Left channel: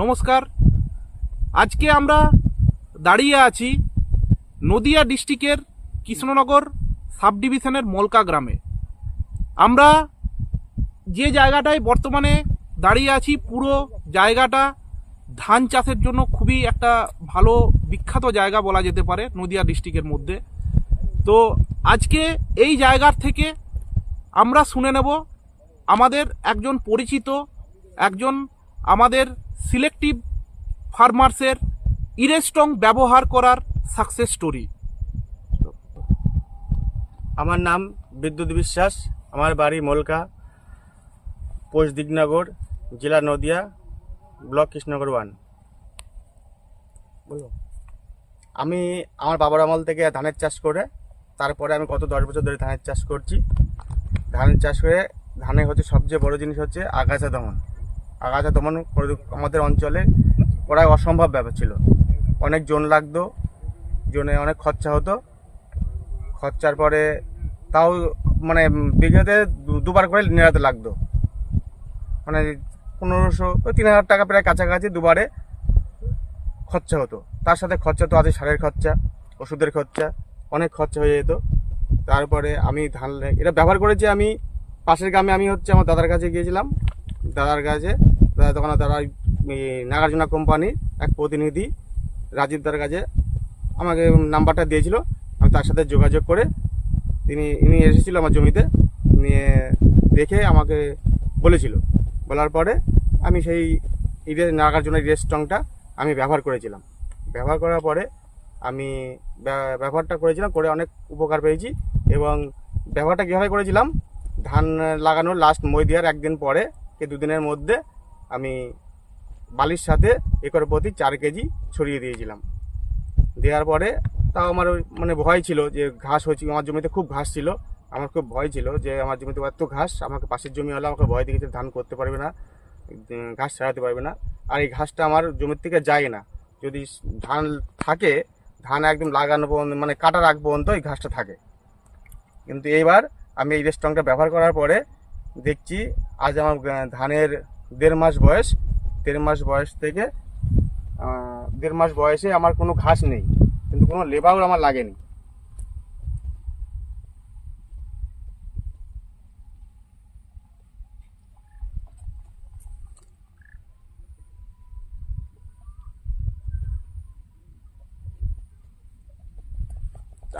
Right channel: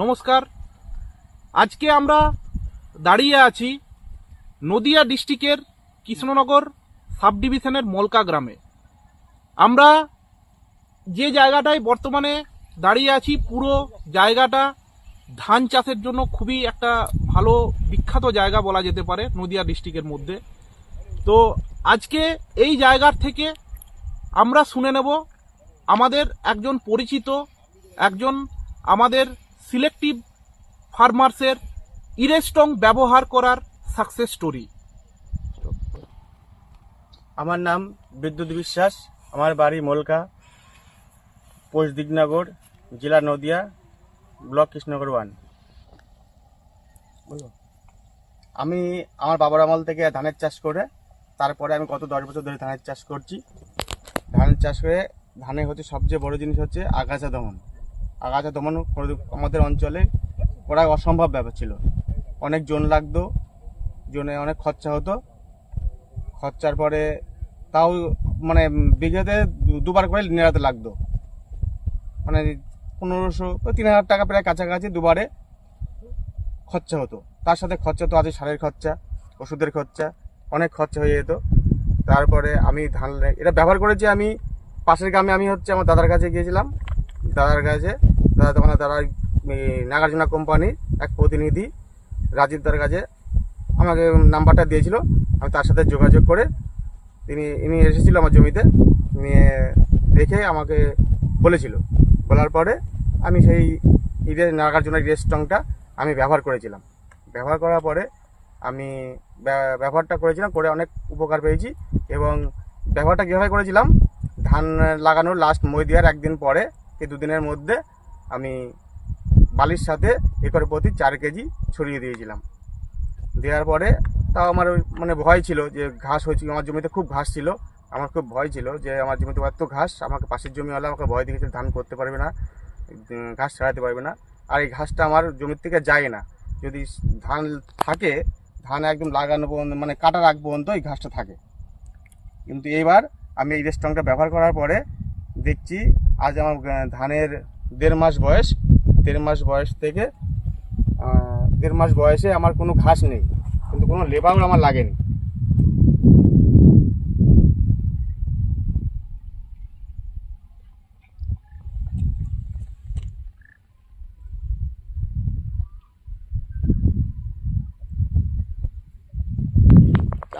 নমস্কার। আজকে আমরা দাঁড়িয়ে আছি নদিয়া ডিস্ট্রিক্টের কৃষ্ণনগর সাব ডিভিশনের মলকা গ্রামে। আমরা যে জায়গাটায় বর্তমানে দাঁড়িয়ে আছি, পুরো জায়গাটা ধান চাষের জন্য খুবই একটা ভালো বিখ্যাত জায়গা বলা যেতে পারে নদিয়া ডিস্ট্রিক্টের মধ্যে। তো আজকে এই জায়গার থেকে আমরা শুনে নেব আমাদের একজন পরিচিত, একজন আমাদের সিলেক্টিভ ফার্মার্সের ইরেস্টং ব্যবহার করার সাকসেস স্টোরি। আমার নাম বিদ্যুৎ বিশ্বাস, আমার বাড়ি মলকা, পোস্ট দিগনগর, জেলা নদিয়া, ব্লক কৃষ্ণনগর 1। আমি আমার বাবার আমল থেকে ধানের চাষ করে তারপরে আমি গত 10 বছর ধরে ধানের চাষ করছি। ধানের চাষ করে ধানে হচ্ছে সবচেয়ে বড় জিনিস হচ্ছে আগাছা দমন। আগাছা দমন আমাদের অঞ্চলে প্রায় অসম্ভব ব্যাপার ছিল। অনেক জোন লাগতো, জোনে অনেক খরচা হতো। খরচার পরে তাও মানে বিঘাতে দুবার করে নেড়াতে লাগতো, মানে 1500-3000 টাকা প্রায় কাছাকাছি দুবারে খরচা হতো। তার সাথে খরচা তো আছে সারের খরচা, ওষুধের খরচা, অনেক খরচা হয়ে যেত। তারপরে আমি ধান এটা ব্যবহার করেছি। আমি পাশের গ্রামে আমি হচ্ছে আমার দাদার কাছে গিয়েছিলাম। দাদার কাছে তখন তারা নাগার্জুনা কোম্পানির এক প্রতিনিধি রাজীব দার কাছে আমাকে নাম্বারটা দিয়েছিল। আমি তার সাথে যোগাযোগ করে ইনি এসেছিল আমার জমিতে, নিয়ে দেখে আমাকে বলার পরে আমি সেই নাগার্জুনা ইরেস্টংটা আমি ব্যবহার করেছিলাম। ব্যবহার করার পরে আমি ব্যবহারটা করেছিলাম, করে অনেক উপকার পেয়েছি। এবং ব্যবহারটা কীভাবে করেছিলাম, ধান লাগানোর লাস্ট মই দেওয়ার একদিন পরে কি দুদিনের মধ্যে আমি বালির সাথে একর প্রতি 4 কেজি ছড়িয়ে দিয়েছিলাম। দেওয়ার পরে তাও আমার মানে ভয় ছিল যে ঘাস হয়েছিল, আমার জমিতে খুব ঘাস ছিল। আমার খুব ভয় ছিল যে আমার জমিতে এত ঘাস, আমাকে পাশের জমি হলে আমাকে ভয় দিয়েছে ধান করতে পারবে না, ঘাস ছাড়াতে পারবে না। আর এই ঘাসটা আমার জমির থেকে যায় না, যদি ধান থাকে, ধান একদম লাগানো পর্যন্ত মানে কাটার আগ পর্যন্ত এই ঘাসটা থাকে। কিন্তু এইবার আমি এই ইরেস্টংটা ব্যবহার করার পরে দেখছি আজ আমার ধানের 1.5 মাস বয়স। 1.5 মাস বয়স থেকে 1.5 মাস বয়সে আমার কোনো ঘাস নেই, কিন্তু কোনো লেবারও আমার লাগেনি।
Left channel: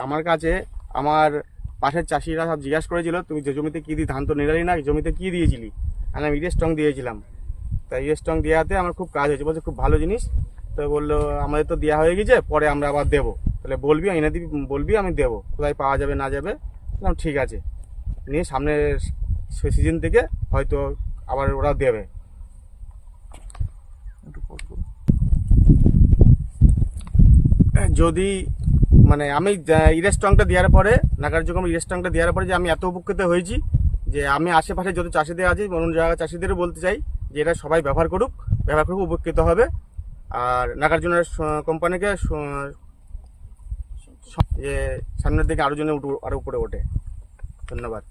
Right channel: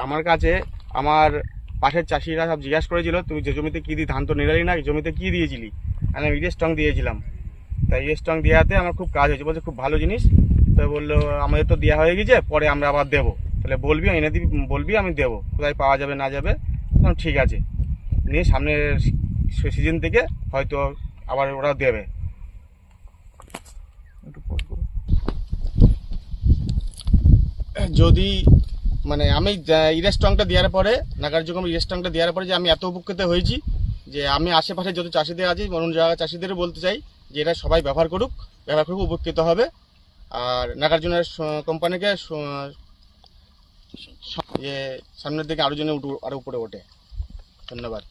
আমার কাছে আমার পাশের চাষিরা সব জিজ্ঞাসা করেছিল, তুমি যে জমিতে কী দিয়ে ধান তো নিরালি না, জমিতে কী দিয়েছিলি? আমি ইরেস্টং দিয়েছিলাম। তাই ইরেস্টং দেওয়াতে আমার খুব কাজ হয়েছে, বলছে খুব ভালো জিনিস। তো বললো আমাদের তো দেওয়া হয়ে গেছে, পরে আমরা আবার দেবো, তাহলে বলবি এনে দিবি, বলবি আমি দেবো, কোথায় পাওয়া যাবে না যাবে। ঠিক আছে, নিয়ে সামনের সিজন থেকে হয়তো আবার ওরা দেবে। যদি মানে আমি ইরেস্টংটা দেওয়ার পরে, নাগার্জুনা ইরেস্টংটা দেওয়ার পরে যে আমি এত উপকৃত হয়েছি যে আমি আশেপাশে যত চাষিদের আছে অন্য জায়গায় চাষিদেরও বলতে চাই যে এটা সবাই ব্যবহার করুক, উপকৃত হবে। আর নাগার্জুনা কোম্পানিকে সামনের দিকে আরও জন্য আরও উপরে ওঠে। ধন্যবাদ।